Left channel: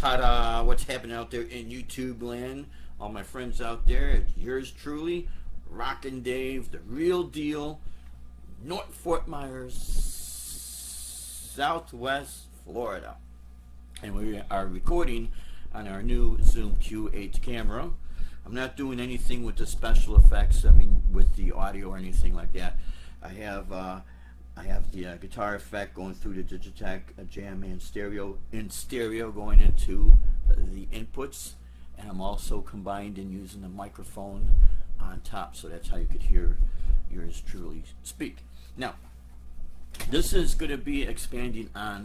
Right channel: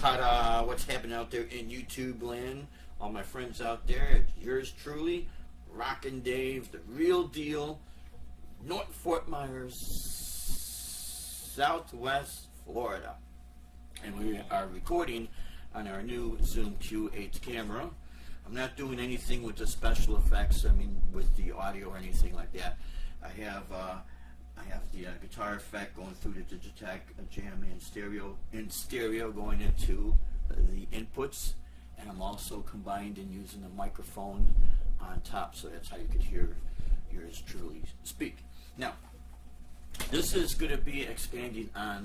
Ta-da! What's happening out there in YouTube land? All my friends out there, it's yours truly, Rockin' Dave, the real deal, North Fort Myers, Southwest Florida. And we are recording on our new Zoom Q8 camera. I'm not doing anything with the special effects, with the audio or anything like that. I have the guitar effect going through the Digitech Jam in stereo going into the inputs, and I'm also combined in using the microphone on top, so that's how you could hear yours truly speak. Now, this is going to be expanding on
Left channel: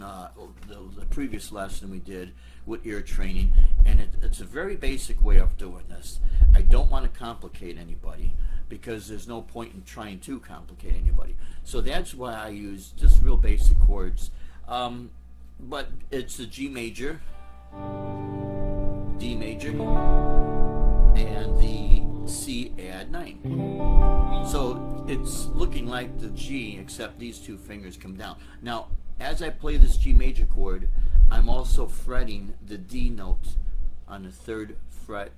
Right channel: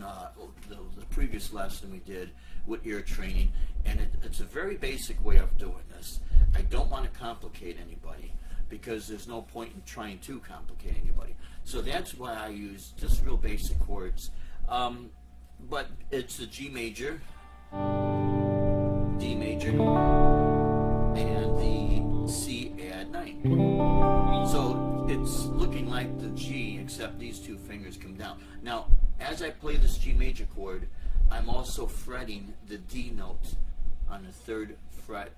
the previous lesson we did with ear training, and it's a very basic way of doing this. I don't want to complicate anybody, because there's no point in trying to complicate anybody. So that's why I use just real basic chords. But it's the G major, D major, and the C add 9. So it's looking like the G, except these two fingers come down. Now, as I play this G major chord, I'm also fretting the D note on the 3rd fret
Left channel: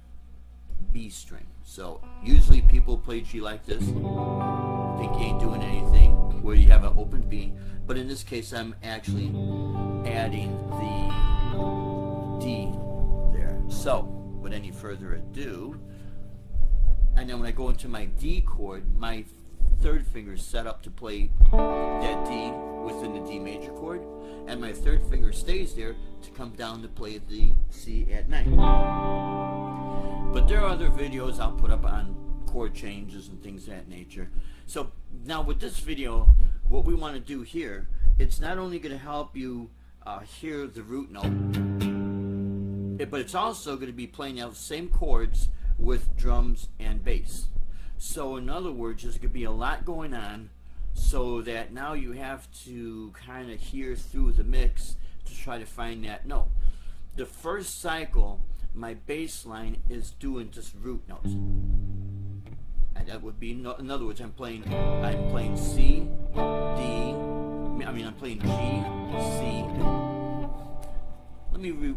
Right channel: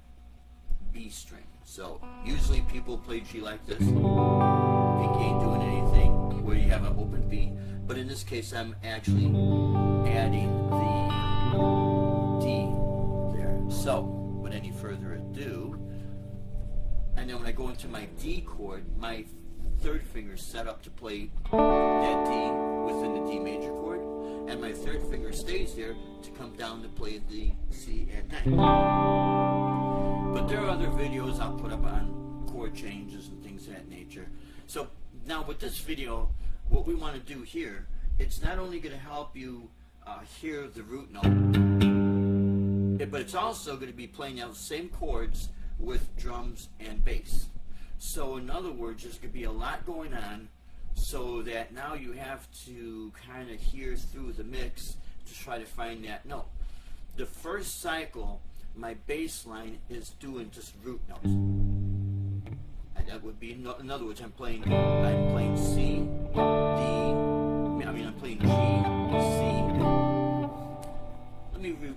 B string. So usually people play G like this. Pinky ain't doing anything, where you have an open B. But in this case, I'm actually adding the D there. So, without any further ado, and then when I go into my D chord, my 3rd finger is set up to play that D within the D major chord, and my 3rd finger stays there to come down to play the C add 9. But there are other videos I'll put up on chord changes and things of that nature. So now with this video, what we want to do here, it's not only going to help you hear the root note, but it's also going to be playing out the same chords with drums and bass. So in other words, there's going to be a lot going on, so that now you have to kind of hear through the mix to try to find that note. The first cycle, my bass line is doing just root notes. And that would be, in other words, I'm playing C, D, I'm playing G, C.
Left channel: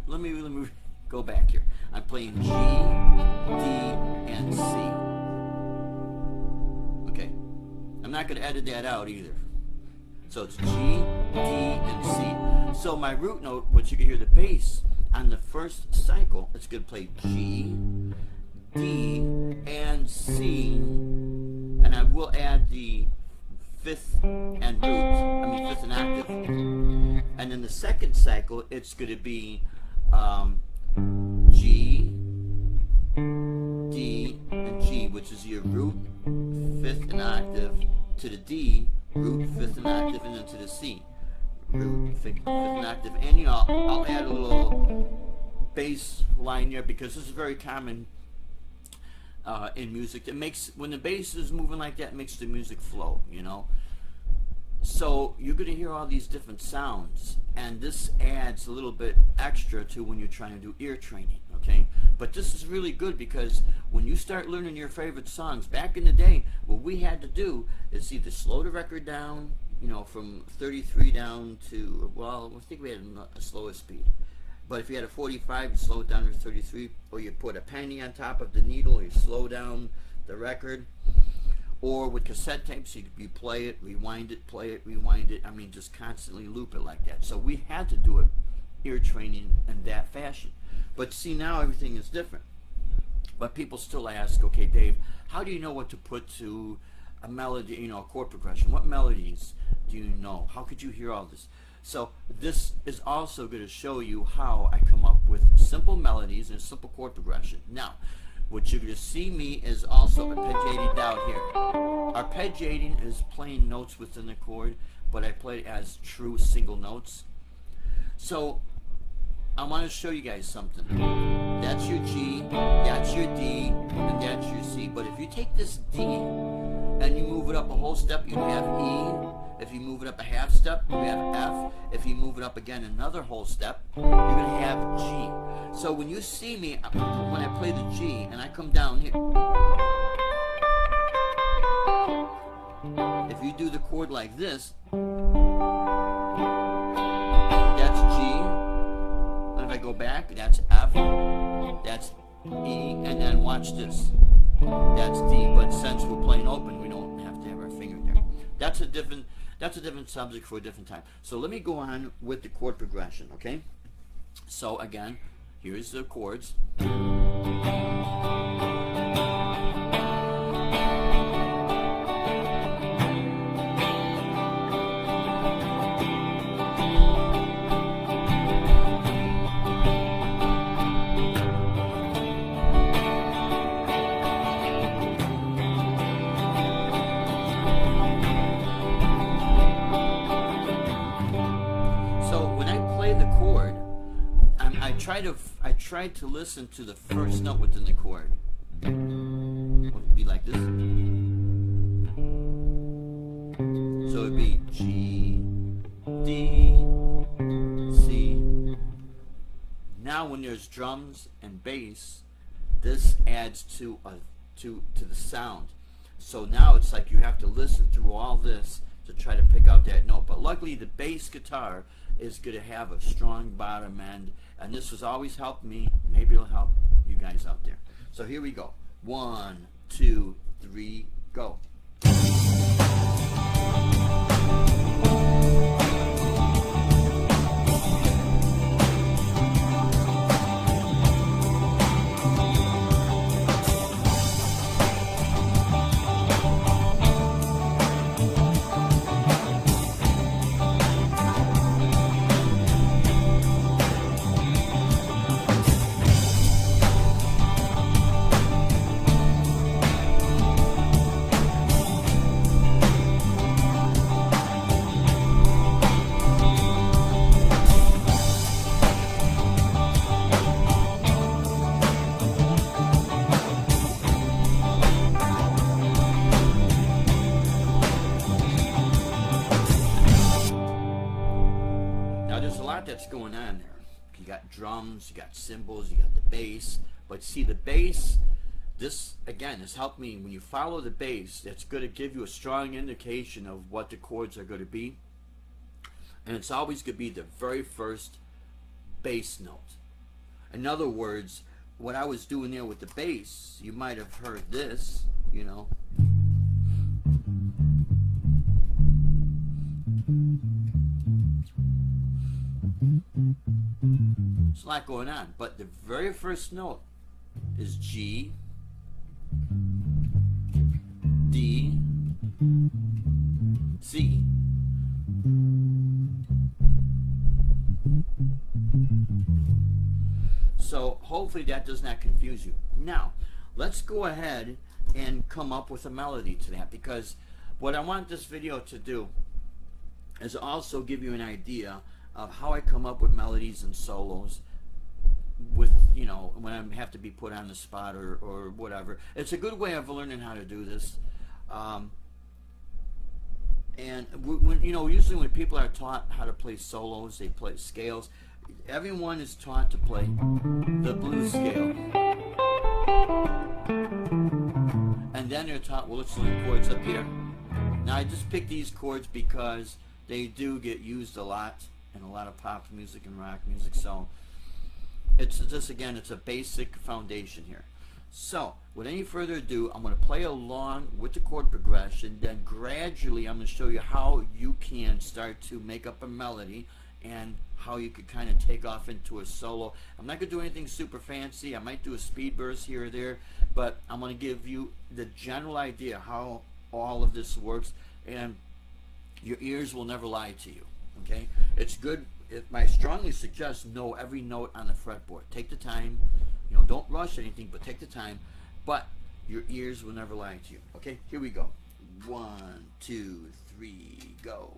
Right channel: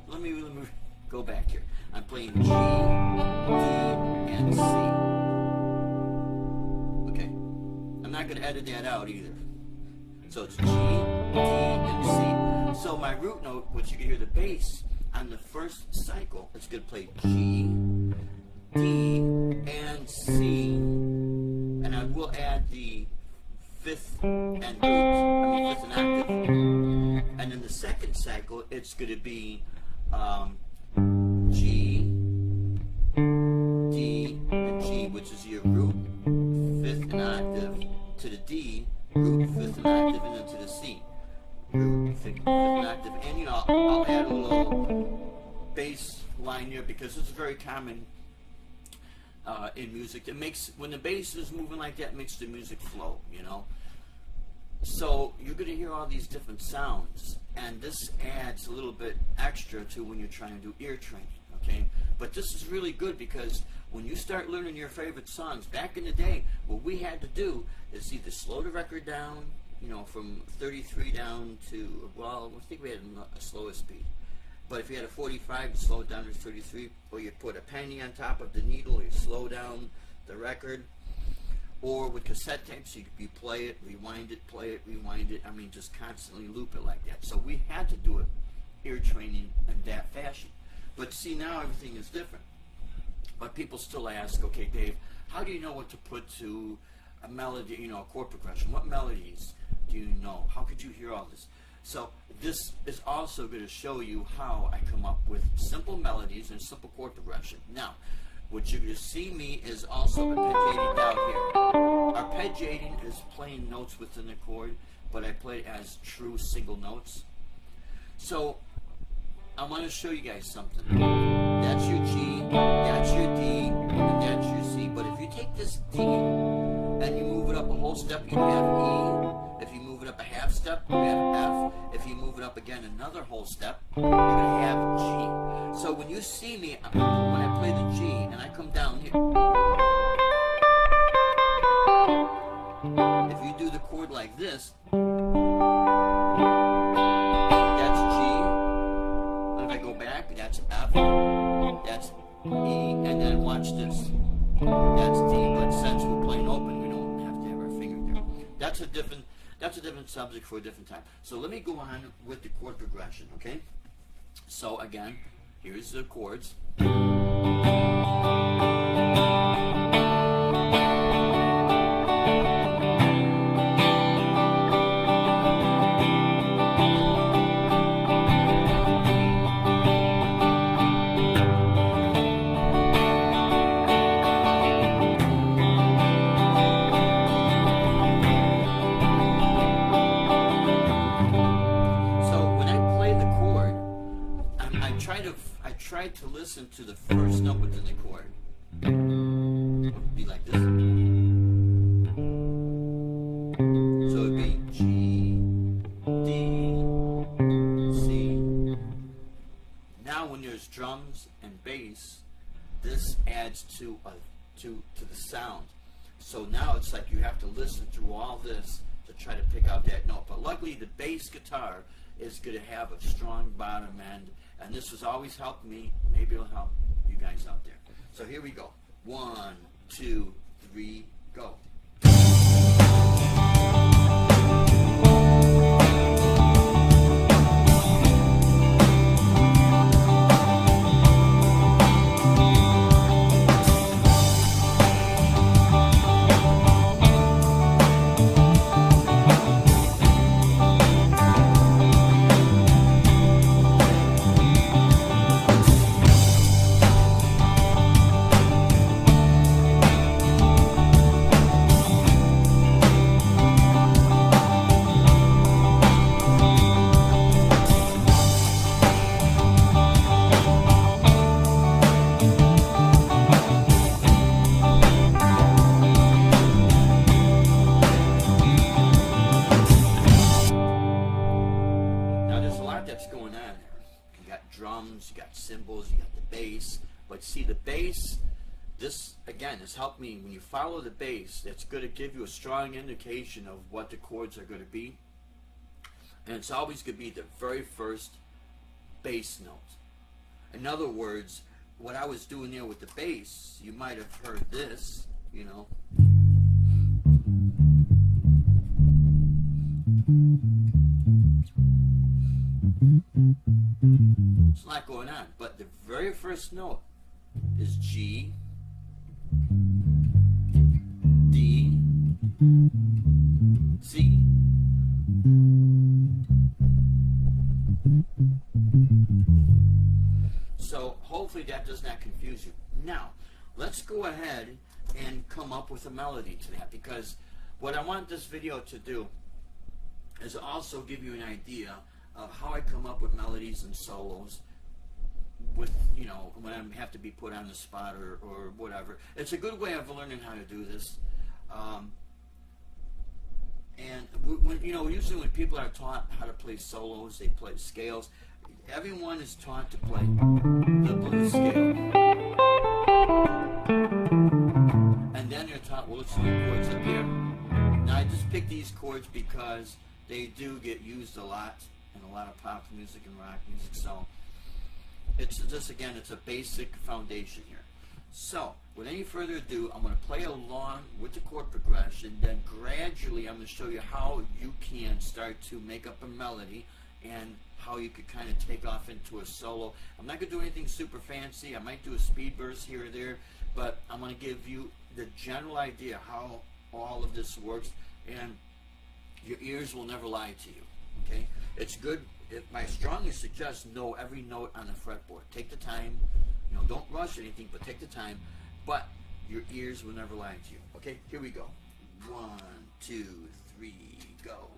Let me go back here. I'm playing G, D, and C. Okay? I'm not going to edit that out either. So it's G, D, and C. So my root note, which you can hear the bass, on the first cycle, it's going to play G, D, and C, and I will add the 5th and root, 5th and octave, and then the second cycle, it's going to be G, D, and G, which is your root, 5th and octave, to the D, root, 5th and octave, and then to the C. Root, 5th and octave, and I'll add a little bass line there, because this is very common in music. It makes, when the bass is moving like that, it makes the music flow, So you're going to hear all these different sounds, and this adds a little bit extra to when you're trying to do ear training, okay? But this is really good, because when you start learning your favorite songs, back in the day, what we had to do is either slow the record down, from 33 down to, well, I think we had a slower speed. But if you had a 45, you slow it down to 33, or you put a penny on top of the needle, you slow down the record. Or with cassette tapes, you play it, rewind it, play it, rewind it. Just constantly loop it like that. So we had to do it, ear training, in that fashion. But see, now everything is different. But people still ask, okay, Dave, how do you know what to put to a melody, a chord progression? What melodies do you know? How could you hear all this? So this is also going to show you how I come up with simple melodies and a simple chord progression. Now, what you're going to see me is also arpeggiating down here. Arpeggiating is playing notes within the chord, but I play it as true single notes. So I want to show you guys something. That's your G, that's your D, and that's your C. But if you take this D and you move it up a whole step, you have E. If you move it up a half step, you have F. If you move it up again another whole step, you're going to have G. So when you see me, when I play the G and I come down here, if you do the chord like this, that's G. And I go back, that's F, that's E, and then watch this. That's D, but since we're playing open, we don't have to have our finger there. That's a different subject for a different time. So let me go on with the chord progression, okay? So again, here's the chords. I tried to listen to the first note within the chord. It would be like this. So it would be G, D, C. Now when there's drums and bass, this adds to the sound. So now it's like you have to listen through all this to try to pick out that note. But luckily the bass guitar is going to have a strong bottom end, and this has always helped me. Maybe it'll help you guys out there. So here we go. 1, 2, 3, go. That's going on there. You got drums, you got cymbals, you got the bass. But see, the bass, this again has helped me. When you follow the bass, it's going to give you a strong indication of what the chords are going to be, and it's always going to be the very first bass note. In other words, what I was doing there with the bass, you might have heard this, you know. It's a lot going on, but the very first note is G, D, C. So hopefully that does not confuse you. Now, let's go ahead and come up with a melody to that, because what I want this video to do is also give you an idea of how I come up with melodies and solos with, you know, when I have to be put on the spot or whatever. It's a good way of learning how to do this. And when, you know, usually when people are taught how to play solos, they play scales. Everyone is taught to play the blues scale, and then they're taught, well, let's learn chords up here. Now I just picked these chords because they do get used a lot in a lot of pop music and rock music. So it's just, again, it's a basic foundation here. So with any further ado, I'm going to play along with the chord progression, then gradually I'm going to show you how you can start to make up a melody and how you could kind of take off into a solo. I'm not going to do anything super fancy. I might do a speed burst here or there, but I'm going to give you the general idea how all of this works, and your ears will never lie to you. Okay, it's good. I strongly suggest know every note on the fretboard. Take the time, you know, don't rush anything, but take the time. But your ears will never lie to you. Okay, here we go. 1, 2, 3, go.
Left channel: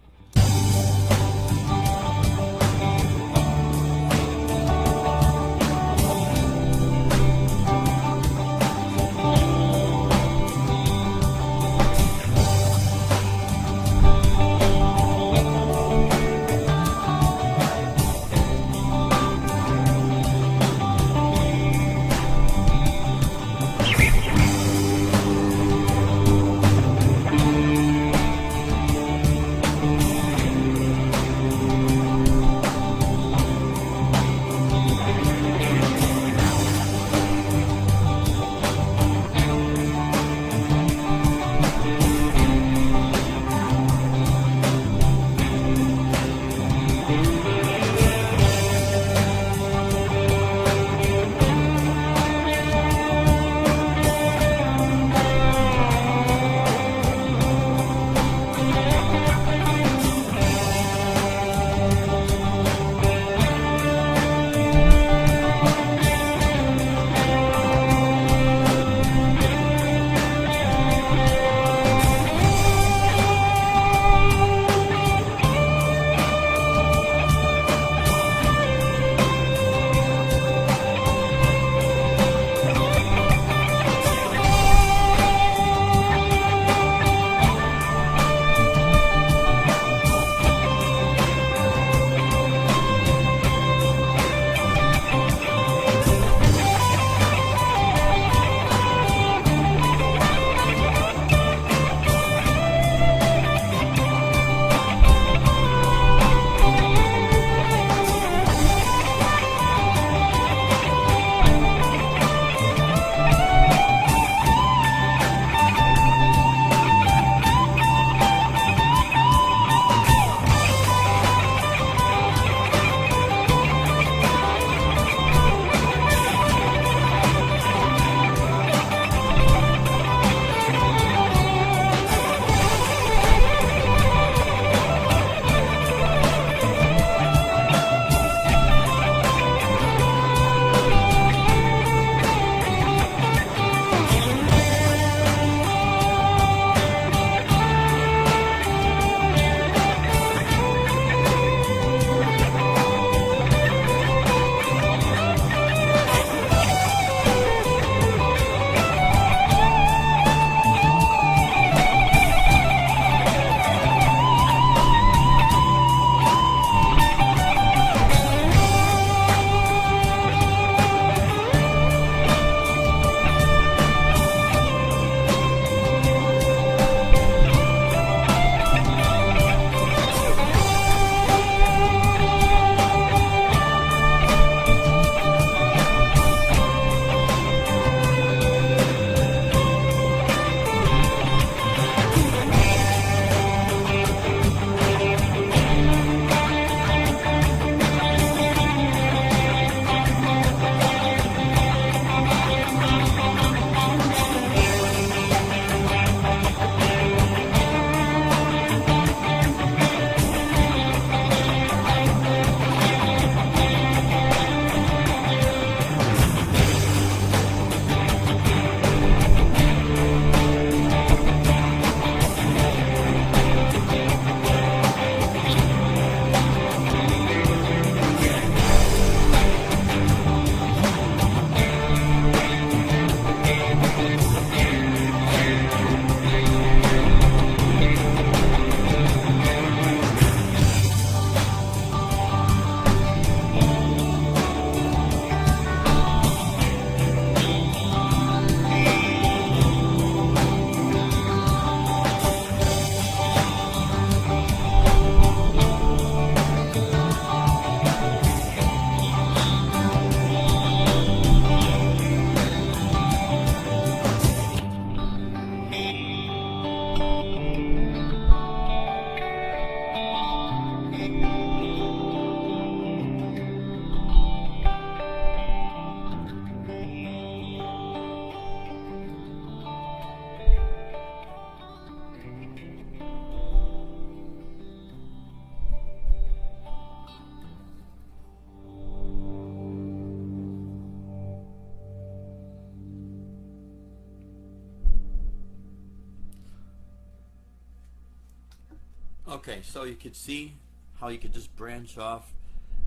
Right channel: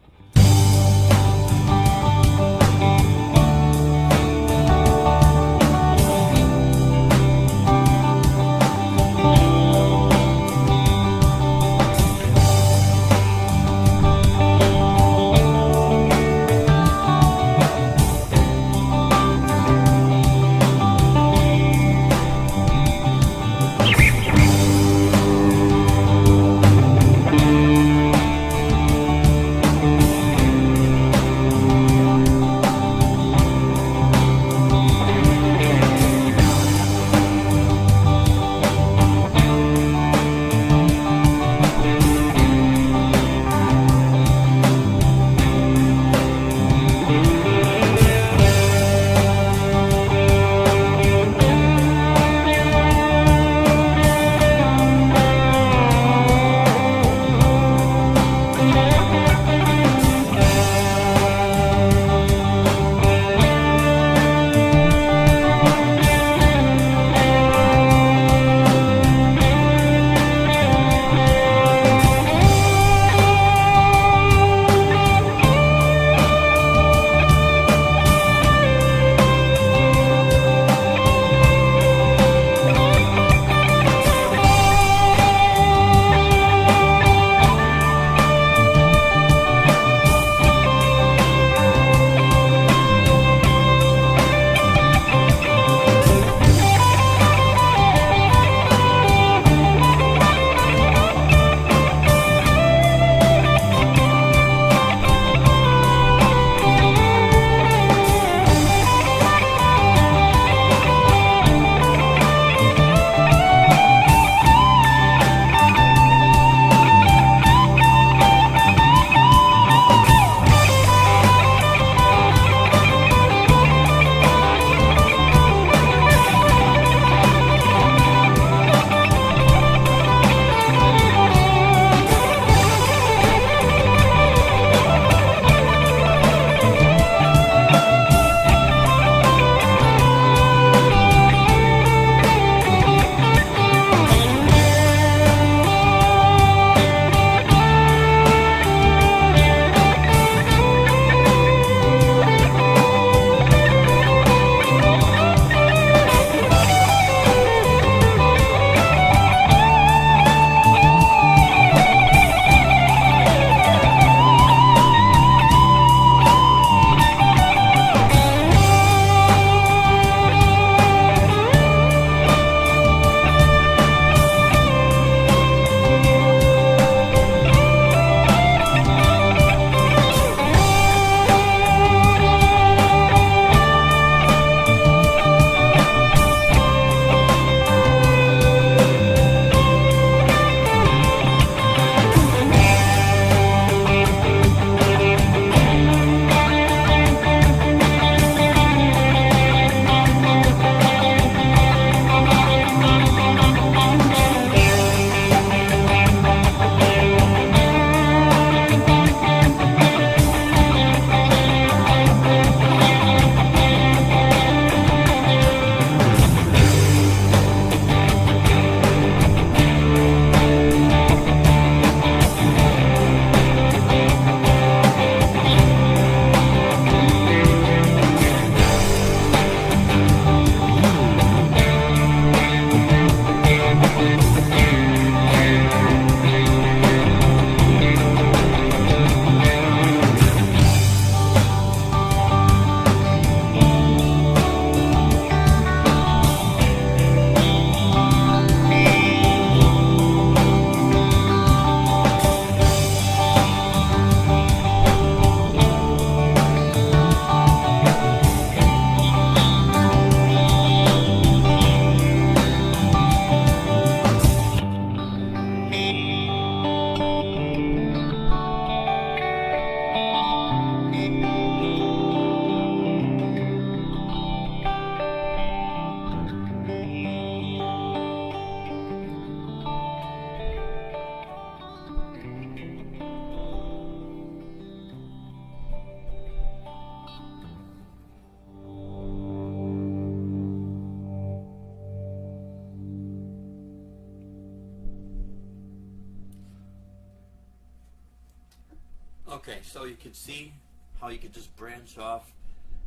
Okay, so you could see how you could just branch off,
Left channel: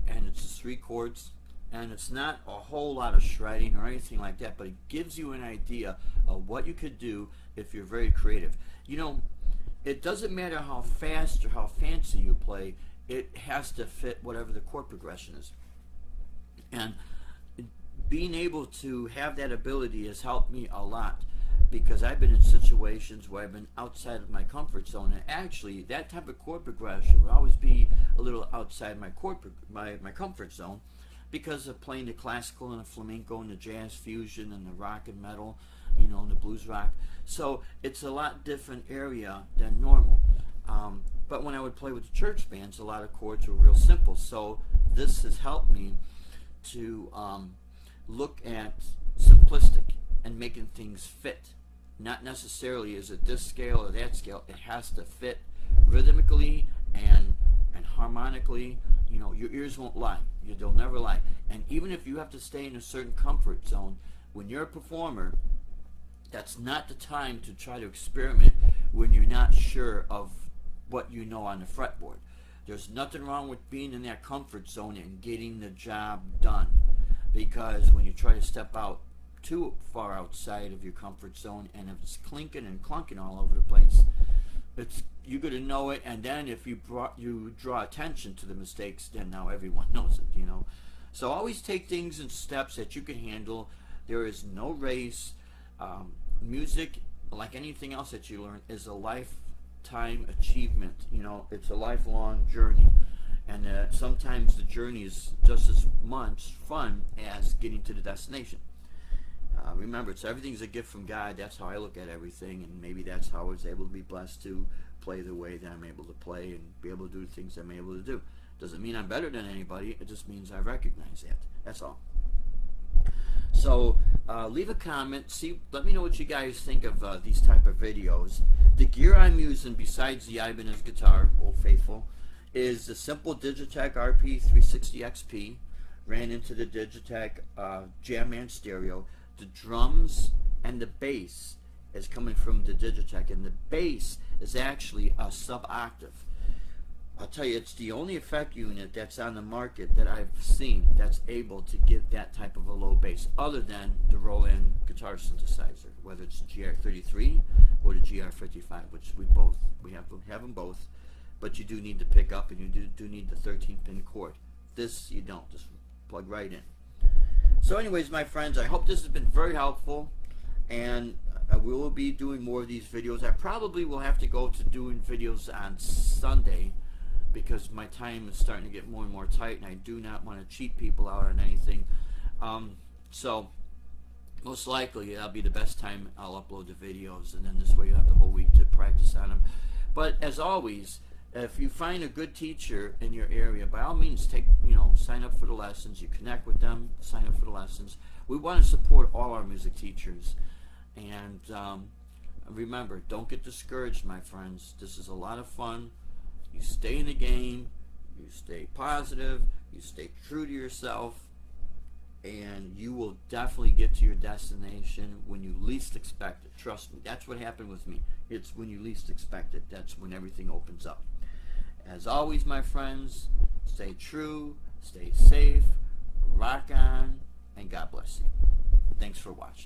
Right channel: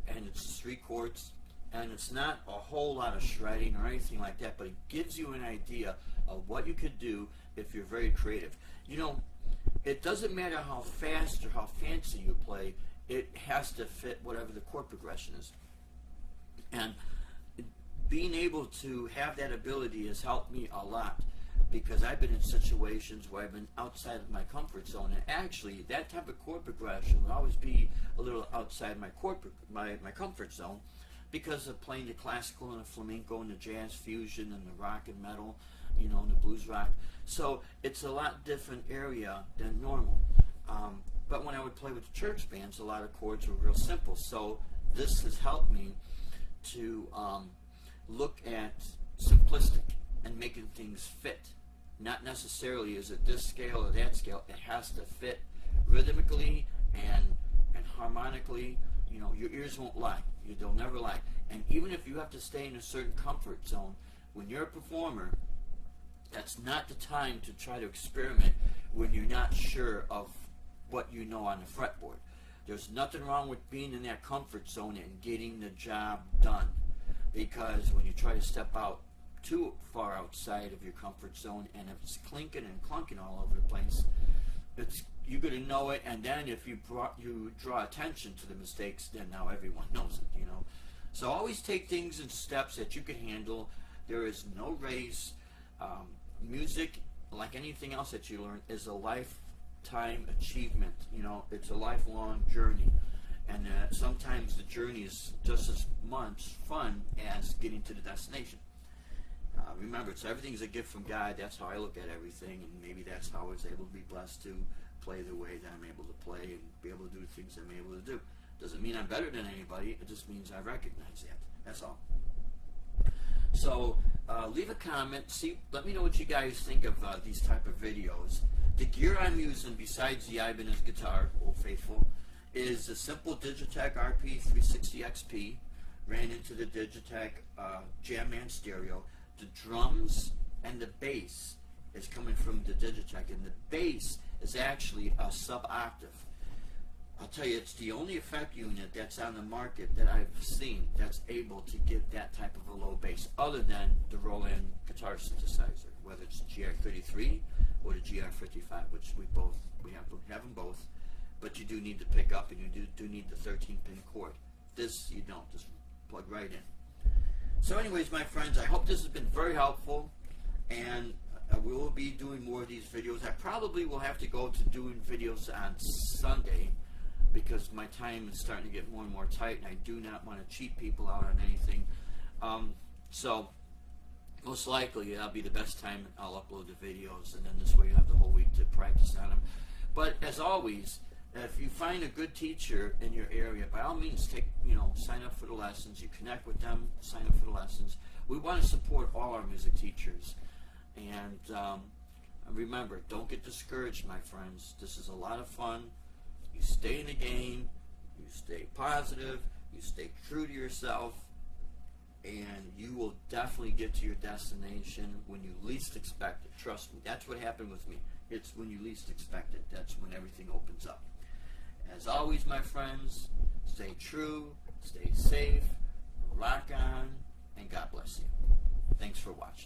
and it's just 3 chords, and it's not a whole lot of shredding or anything like that, but it gives you an idea of what you could do if you're very creative. You know, it doesn't matter how fast or how fancy you play, it has to fit whatever the chord progression is. And being able to have that ability has helped me a lot, because I've been in situations where I've been outside of my comfort zone, and actually that type of chord progression would always be a little outside my my comfort zone, because of playing the classical and the flamenco and the jazz fusion and the rock and metal, you know, and the blues rock. So it's a lot different area than normal. But when I would play with the church bands, a lot of chords were real simple. So this has helped me to look at simplistic and making things fit. Not necessarily is it this scale or that scale. It has to fit rhythmically and harmonically. You know, your ears won't lie. They'll never lie. And even if you have to stay in a certain comfort zone, when you're a performer, that's not the time to try to experiment when you're not sure of what you know on the fretboard. There's nothing wrong with being in that comfort zone and getting the job done, because when you try to step out too far outside of your comfort zone, and if it's clinking and clunking all over the place, you're going to know it. And then if you draw attention to the mistakes, then now everyone knows it, you know. So always take things in steps that you can handle. There is no race. Music, like anything else that you learn, is a lifetime achievement. You know, it's a lifelong journey, and sometimes the journey is just as much fun as getting to the destination. Remember, everything's a gift from God. That's how I look at everything, and maybe that's how I was able to be blessed to play the way that I'm able to play and be able to do the things I'm able to do. Doesn't mean I'm better than anybody. It just means I recognize that. That's all. So leave a comment. Let me know what you guys think of these type of videos. The gear I'm using, besides the Ibanez guitar, Old Faithful, is the simple Digitech RP360 XP. Ran into the Digitech Jamman stereo. The drums and the bass is coming from the Digitech, and the bass is actually a sub-octave. I'll tell you, it's the only effect unit that's on the market that I've seen that's able to get that type of a low bass, other than the Roland guitar synthesizer, whether it's the GR33 or the GR55, which we have them both. But you do need to pick up, and you do need the 13-pin cord. This you don't. Just plug right in. So anyways, my friends, I hope this has been very helpful, and we will be doing more of these videos. I probably will have to go to doing videos on Sunday, because my time is starting to get more and more tight, and I do not want to cheat people out on anything. So most likely that'll be the best time I'll upload the videos, and then this way you have the whole week to practice on them. But as always, if you find a good teacher in your area, by all means, sign up for the lessons. You connect with them, sign up for the lessons. We want to support all our music teachers. And remember, don't get discouraged, my friends. This is a lot of fun. You stay in the game, you stay positive, you stay true to yourself, and you will definitely get to your destination when you least expect it. Trust me, that's what happened with me. It's when you least expect it. That's when everything opens up. As always, my friends, stay true, stay safe, rock on, and God bless you. Thanks for watching.